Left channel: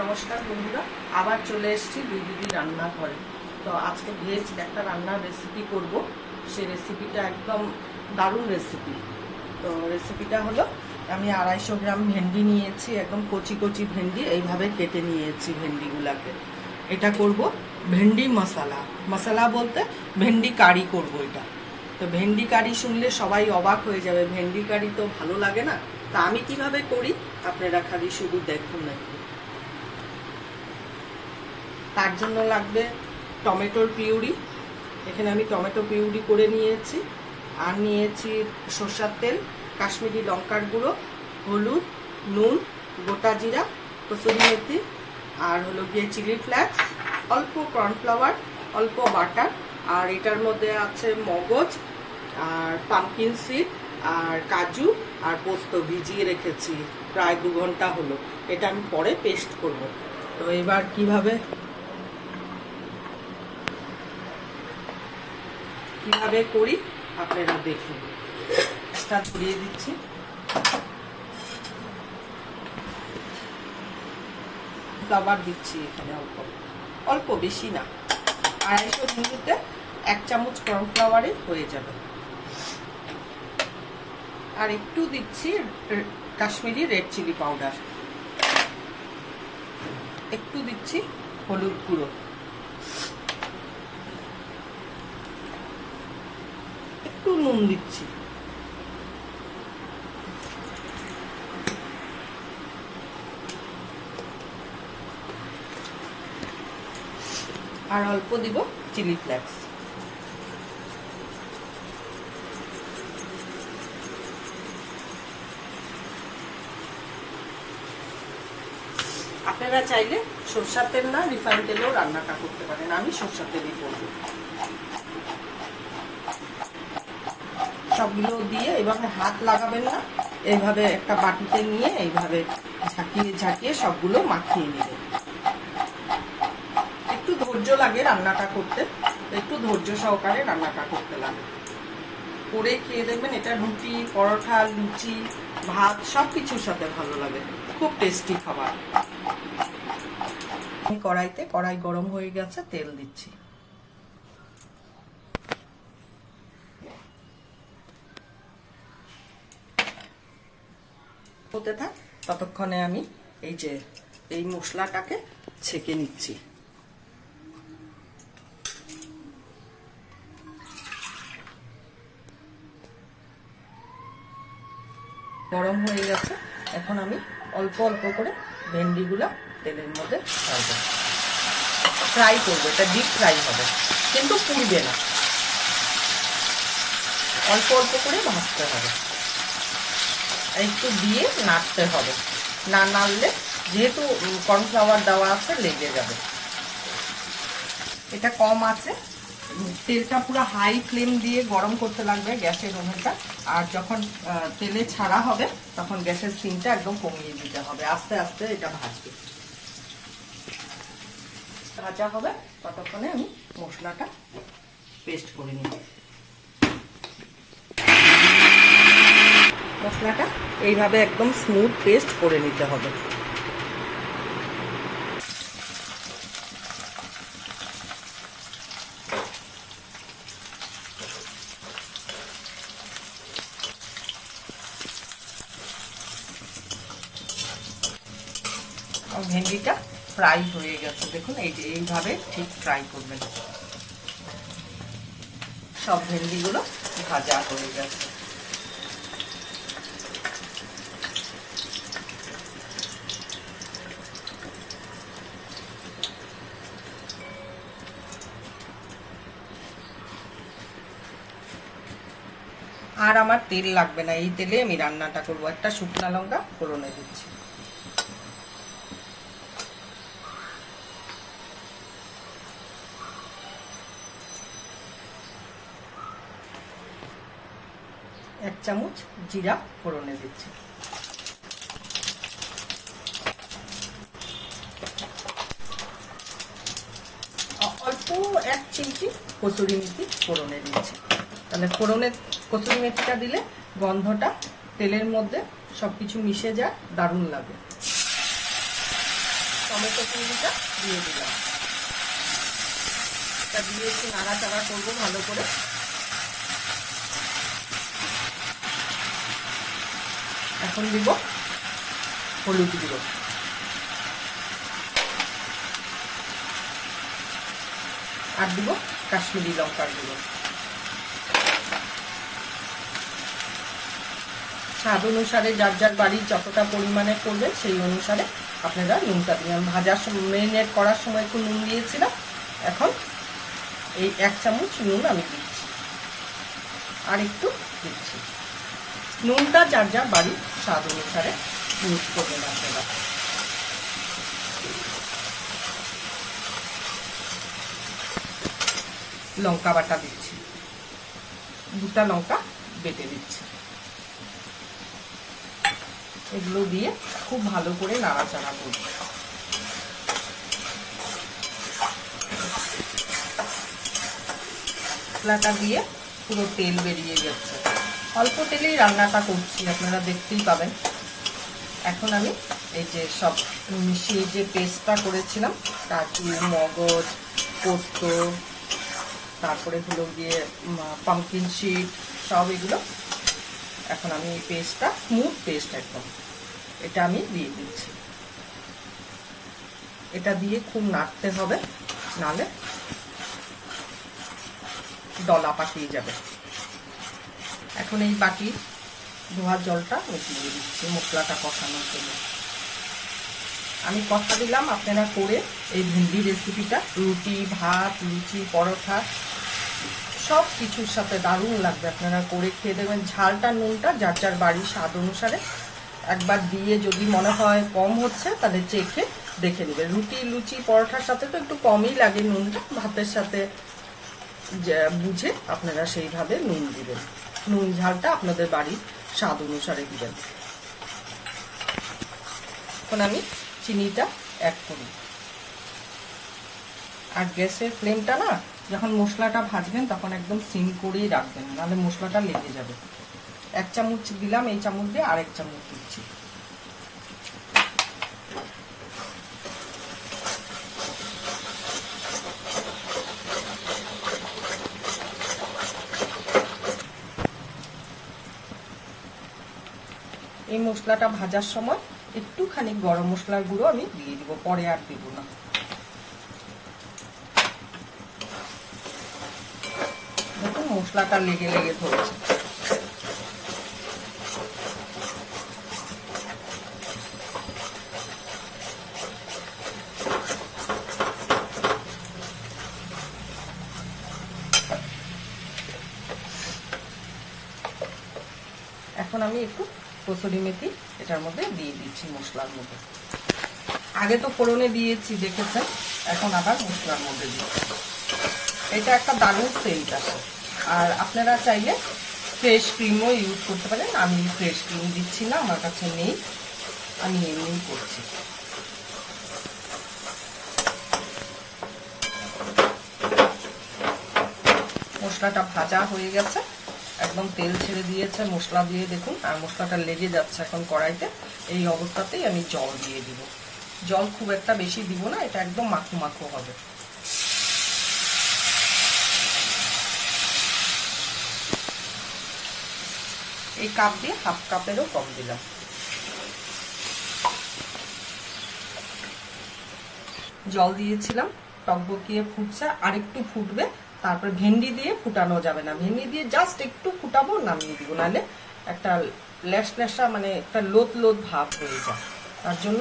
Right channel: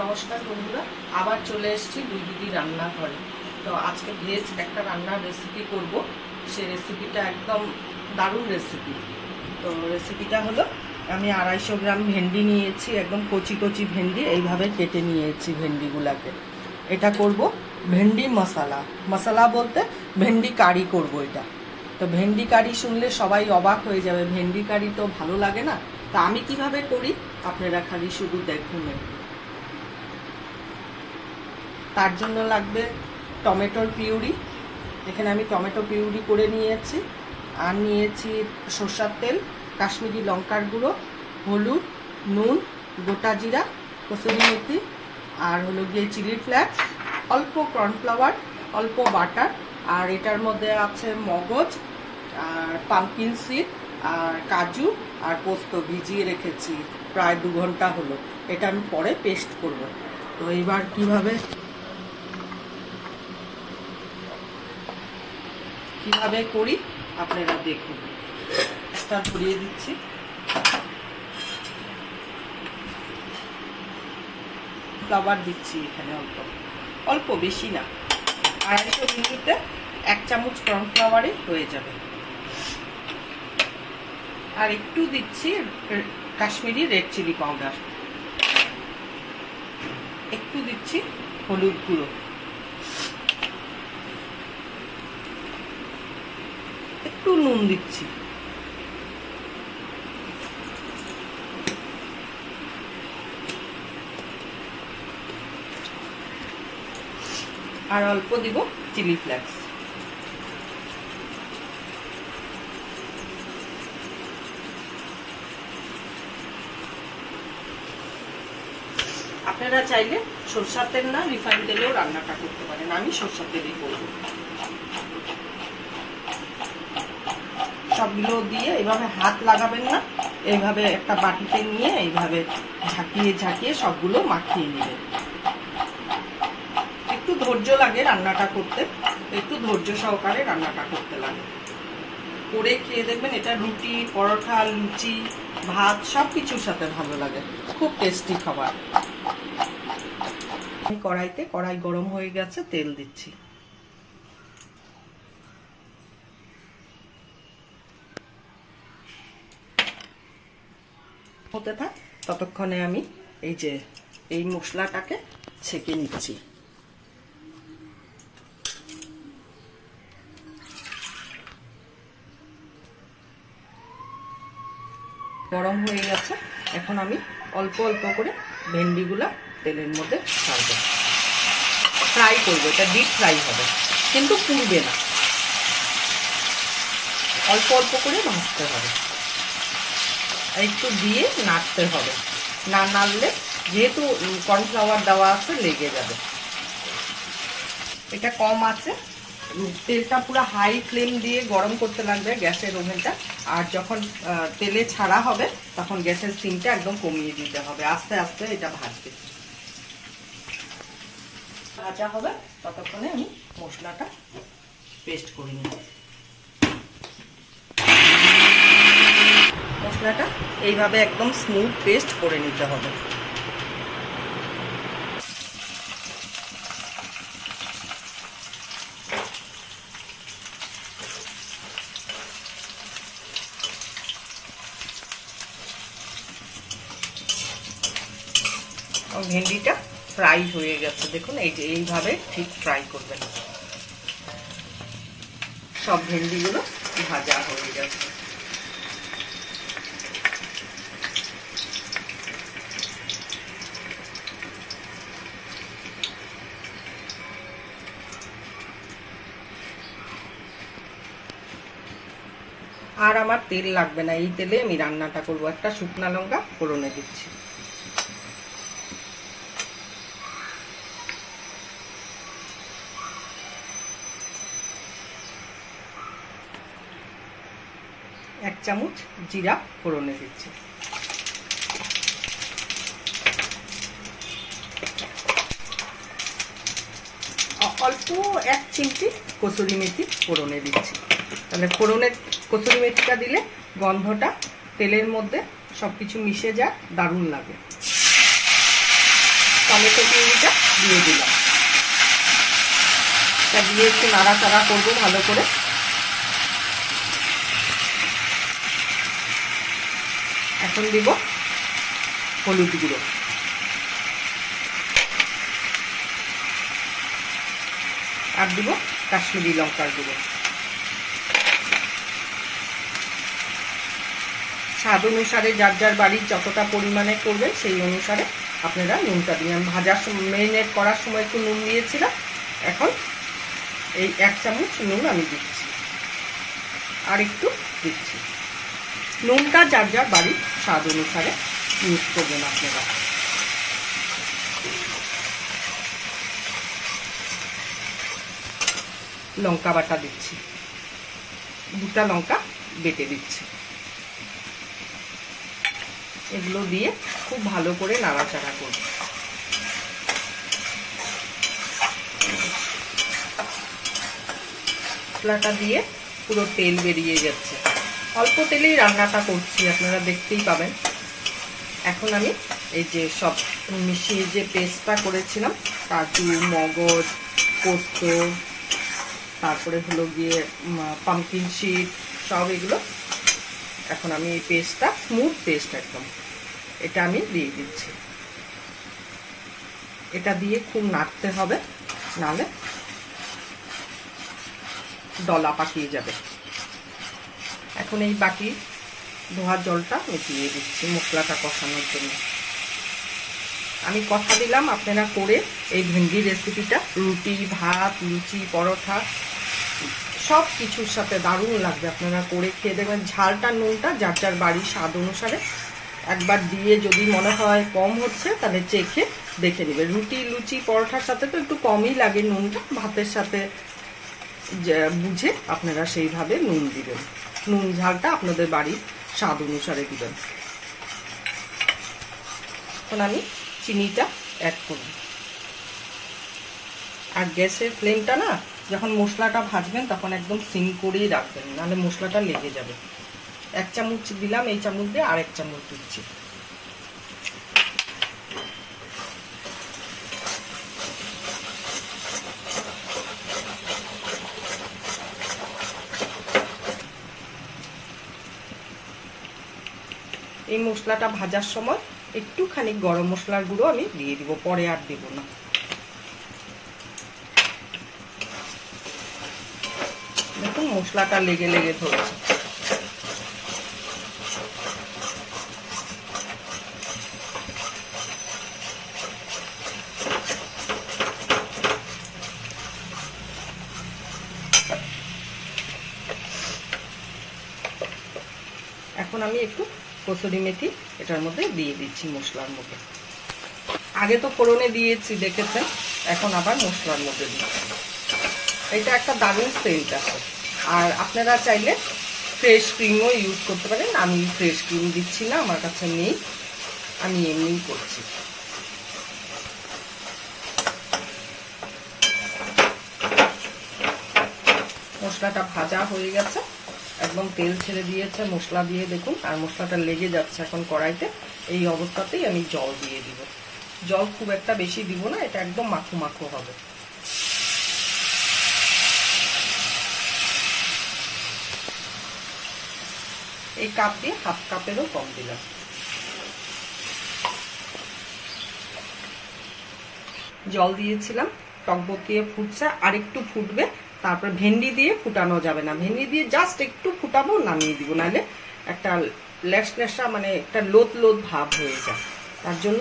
নমস্কার বন্ধুরা, আবার চলে এসেছি দুই দিদি রান্নাঘরে। তো আজকে ভেজ একটা রান্নার রেসিপি করব। সেই রেসিপিটা একদম দারুণ রেসিপি। তো রেসিপিটা হলো, আমি 250 গ্রাম ভেন্ডি নিয়েছি, একদম কচি কচি ভেন্ডি এইভাবে কেটে নিয়েছি ভেন্ডিগুলাকে। এটা করব ভেন্ডি মশলা। মশলা বলতে ভেন্ডি কারি করব এটা। তো ভেন্ডি কারি শুনলে সবাই অবাক হয়ে যাবে, ভেন্ডি কারি তো ভালো লাগে না। তা আমি কিভাবে করি আপনারা খালি শুধু দেখুন। তার জন্য লাগবে টমেটোর পিউরি। এখানে আমি টমেটো পিউরি করে নিয়েছি। আর নিয়েছি সরষের তেল, কাশ্মীরি লঙ্কার গুঁড়ো, হলুদ, নুন, গোটা জিরা, কসুরি মেথি, আর হলো গিয়ে চিলি ফ্লেক্স, অল্প কর্নফ্লাওয়ার, অল্প বাটার। আর এটার মধ্যে আছে মগজ আর পামকিন সিড আর কাজু আর পোস্ত ভিজিয়ে রেখেছি প্রায় 2 ঘন্টা হলো। এটা আমি পরে পেস্ট করব। তো এবার কিভাবে করি আপনারা দেখুন। স্টার ভরিয়ে দিচ্ছি। ফ্লাওয়ার দিচ্ছি এখানে অল্প অল্প, বেশি না। 250 মিলিতে 1 চামচ কর্নফ্লাওয়ারে হয়ে যাবে। আর একটু দিচ্ছি কাশ্মীরি রেড চিলি পাউডার, একটু দিচ্ছি হলুদ গুঁড়ো, একটু নুন দিচ্ছি। আর অল্প দিব চিলি ফ্লেক্স। আপনারা চাইলে সরষের তেল না রিফাইন তেলেও রান্নাটা করতে পারেন। আমি সরষের তেলই করব। সবগুলো দিয়ে এইভাবে হাত লাগাবেন না, এইভাবে একটা বাটিতে নিয়ে এইভাবে ঝাঁকিয়ে ঝাঁকিয়ে সবগুলো মাখিয়ে নেবেন। একটু ধৈর্য লাগে রান্নাটা করতে, একটু ধৈর্য সহকারে রান্নাটা করতে লাগে। করে খেয়ে দেখবেন, এটা রুটি, পরোটা, লুচি, ভাত সবকিছুর সাথে ভালো লাগে। খুব টেস্টি খাবার। কড়াই গরম হয়ে গেছে, তেল দিচ্ছি। হতে থাক, ততক্ষণে আমি এই মশলাটাকে ছেঁকে নিচ্ছি। গরম হয়ে গেছে, এখন আমি অল্প অল্প করে ভেন্ডিগুলো তেলের মধ্যে ছাড়বো। ফ্রাই করবো, এটা ডিপ ফ্রাই হবে, কিন্তু পুড়বে না। অল্প অল্প করে ভাজতে হবে, একটু দিয়ে নাড়তে হবে। না নাড়লে যেহেতু কর্নফ্লাওয়ার দেওয়া আছে লেগে যাবে। এটা কম আছে, তেলটা পুরো হাই ফ্লেম দিয়ে গরম করতে লাগবে গ্যাসের ওভেনটা। আর যখন তেলে ছাড়া হবে তখন গ্যাসের সিমটা একদম কমিয়ে দিতে হবে। আস্তে আস্তে এটা ভাজবে, ভাজা হবে। ততক্ষণে আমি মশলাটা পেস্ট করে নিই। মশলাটা এইভাবে একদম স্মুথ পেস্ট করে নিতে হবে। ভেন্ডিটা ফ্রাই হয়ে গেছে, দেখুন। এইভাবে ঠিক ফ্রাই করবেন। সব ভেন্ডিগুলো ভাজা হয়ে গেছে। আর আমার তেল লাগবে না, এই তেলে আমি রান্নাটা করবো। একটা শুকনা লঙ্কা ফোড়নে দিচ্ছি। এক চামচ জিরা ফোড়নে দিচ্ছি। অল্প 1 চিমটি কসুরি মেথি ফোড়নে দিচ্ছি। তাহলে ফোড়নের কসুরি মেথিটা দিলে গন্ধটা তেলের মধ্যে সবকিছু মিশে যায়, দারুণ লাগে। টমেটো পিউরিটা দিয়ে দিলাম। এটা দিয়ে একটু নাড়াচাড়া করবো ভালো করে। এখন দিব হলুদ গুঁড়ো, আর দিব কাশ্মীরি লঙ্কার গুঁড়ো। স্বাদ অনুসারে যার যার বাড়ির যতটা পরিমাণে করবে সেই অনুসারে আপনারা নুনটা দিন। আমি ভাজার সময় মেরিনেট করার সময় একটু নুন দিয়েছিলাম, এখন এই 1 চামচ নুন আমি দিচ্ছি, আর একটু দিচ্ছি। নুনটা যার যার বাড়ির স্বাদ অনুসারে ইউজ করবেন আপনারা। লঙ্কা বাটা দিচ্ছি, 2টা লঙ্কা বেটে দিচ্ছি। এগুলো দিয়ে খুব ভালো করে নাড়াচাড়া করব। মশলাটা দিয়ে পুরো তেল বেরিয়ে যাচ্ছে, অল্প তেলেই রান্নাটা করছি, আপনারা দেখতেই পাবেন। এখন আমি এই যে সব মিশিয়ে যে পেস্টটা করেছিলাম, কাজু, মগজ, পোস্ত, তারপরে হলো গিয়ে পামকিন সিড, সব এগুলো এখন আমি এই পেস্টটা, স্মুথ পেস্ট একদম, এটা আমি দিয়ে দিচ্ছি। এটা দিয়ে খুব নাড়তে হবে, নাহলে দলা পাকিয়ে যাবে। এখন এই বাকি ধোয়া জলটা আমি দিয়ে দিচ্ছি মশলাটা কষানোর জন্য। আমি কথা দিলাম আপনারা করে এই ভেন্ডি রেসিপিটা রুটি, ভাত, লুচি, পরোটা সব কিছুর সাথে দারুণ লাগবে। আপনারা করে খেয়ে দেবেন। ঝালটা নুনটা যার যার বাড়ির স্বাদ অনুসারে একবার দিয়ে যদি মনে হয় কম হচ্ছে তাহলে চেখে দেখে নেবেন। রুটি, লুচি, পরোটার সাথে তো একটু কমই লাগে নুনটা, ভাতের সাথে বুঝে আপনারা সেইভাবে নুন দিবেন। নুন ঝালটা আপনাদের বাড়ির স্বাদ অনুসারে দিবেন। এখন আমি চিনিটা অ্যাড করি। আর গ্যাসের ফ্লেমটা না, যখন মশলাটা ভাজবেন তখন একদম সিম করেই রাখবেন, নাহলে মশলাটা লেগে যাবে। 1 চামচ দিলাম, এই চামচ দিয়ে আর 1 চামচ দিচ্ছি। এই মশলাটা ভাজার সময় একটুখানি গরম মশলার গুঁড়ো আমি দিয়ে দিব, পরে আর দেব না। দেখুন মশলাটা লেগে লেগে ধরছে। এখন আমি একটু কসুরি মেথি এটার মধ্যে দিয়ে দিচ্ছি মশলার মধ্যে। আগে তো ফোড়নে দিয়েছি দেখেছেন, এখন আবার মশলার মধ্যে দিচ্ছি। এটা একটা দারুণ সেন্ট আছে। আর আপনারা চাইলে ফ্রেশ ক্রিমও ইউজ করতে পারেন। আমি ফ্রেশ ক্রিম দিচ্ছি না, আমার কাছে নেই, আমি এমনিই করছি। মশলাটা ভাজা হয়ে গেছে, একদম তেল ছেড়ে দিয়েছে মশলা দিয়ে, দেখুন। আর মশলাটা লেগে যাচ্ছে এখন কড়াইতে। এই অবস্থাতেই আমি জল দিয়ে দিব। জল খুব একটা বেশি দিব না, এটা একদম মাখো মাখো হবে। এই কাপ দিয়ে 1/2 কাপেরও কম দিলাম। জল দিয়েছিলাম, টকবকিয়ে ফুটছে, আর একটু ফুটবে। তারপর ভেন্ডি দিয়ে ফুটানো যাবে না, ভেন্ডি দিয়ে জাস্ট একটু ফুটাবো, নামিয়ে দিব, নাহলে একটা লেসা মানে একটা লোদ লোদ ভাব হয়ে যায়। তার জন্য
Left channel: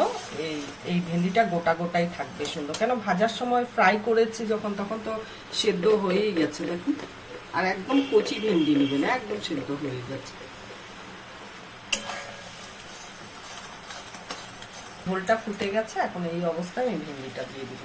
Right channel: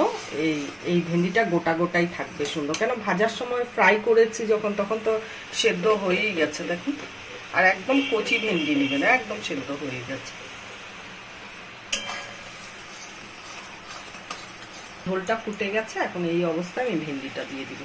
এই ভেন্ডিটা গোটা গোটাই থাকবে সুন্দর। কেন ভাজার সময় ফ্রাই করেছি যখন, তখন তো সেদ্ধ হয়েই গেছে দেখুন। আর একদম কচি ভেন্ডি নেবেন, একদম সেদ্ধ হয়ে গেছে। ঝোলটা ফুটে গেছে, এখন এই অবস্থায় আমি ভেন্ডিটা দিয়ে দিব।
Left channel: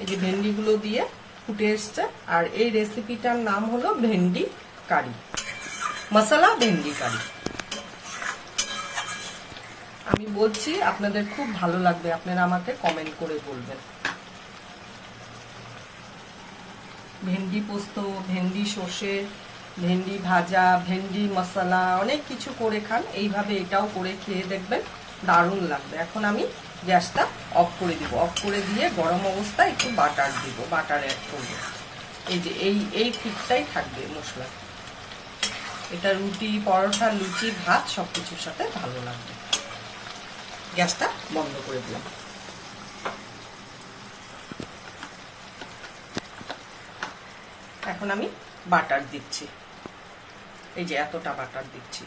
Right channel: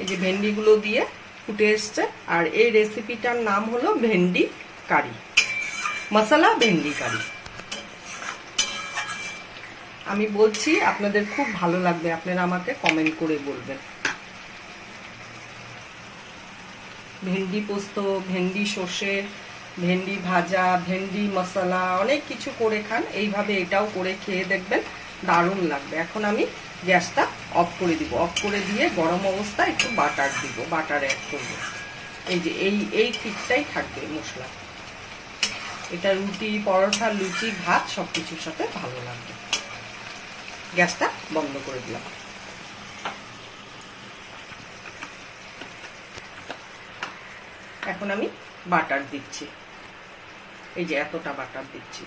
এই যে ভেন্ডিগুলো দিয়ে ফুটে এসছে। আর এই রেসিপিটার নাম হলো ভেন্ডি কারি, মশলা ভেন্ডি কারি। আমি বলছি আপনাদের খুব ভালো লাগবে, আপনারা আমাকে কমেন্ট করে বলবেন। ভেন্ডি পোস্ত, ভেন্ডি সর্ষে, ভেন্ডি ভাজা, ভেন্ডি মশলা, অনেক কিছু করে খান, এইভাবে এটাও করে খেয়ে দেখবেন, দারুণ লাগবে। এখন আমি গ্যাসটা অফ করে দিব। অফ করে দিয়ে গরম অবস্থায় একটু বাটার দিব, বাটার অ্যাড করব। এই যে এই ঠিকটাই থাকবে মশলা, এটা রুটি, পরোটা, লুচি, ভাত সবকিছুর সাথে ভালো লাগবে। গ্যাসটা বন্ধ করে দিলাম। এখন আমি বাটার দিচ্ছি, এই যে এতটা বাটার দিচ্ছি।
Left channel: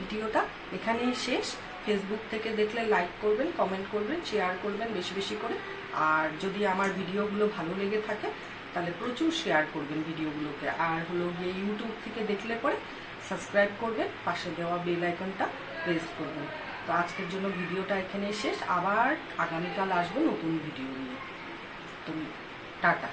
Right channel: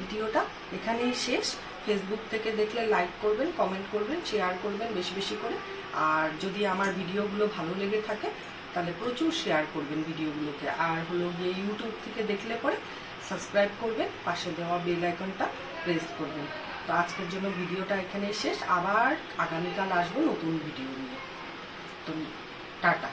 ভিডিওটা এখানেই শেষ। ফেসবুক থেকে দেখলে লাইক করবেন, কমেন্ট করবেন, শেয়ার করবেন বেশি বেশি করে। আর যদি আমার ভিডিওগুলো ভালো লেগে থাকে তাহলে প্রচুর শেয়ার করবেন ভিডিওগুলোকে। আর হলো ইউটিউব থেকে দেখলে পরে সাবস্ক্রাইব করবেন, পাশে দেওয়া বেল আইকনটা প্রেস করবেন। তো আজকের জন্য ভিডিওটা এখানেই শেষ। আবার আগামীকাল আসবো নতুন ভিডিও নিয়ে। তো টাটা।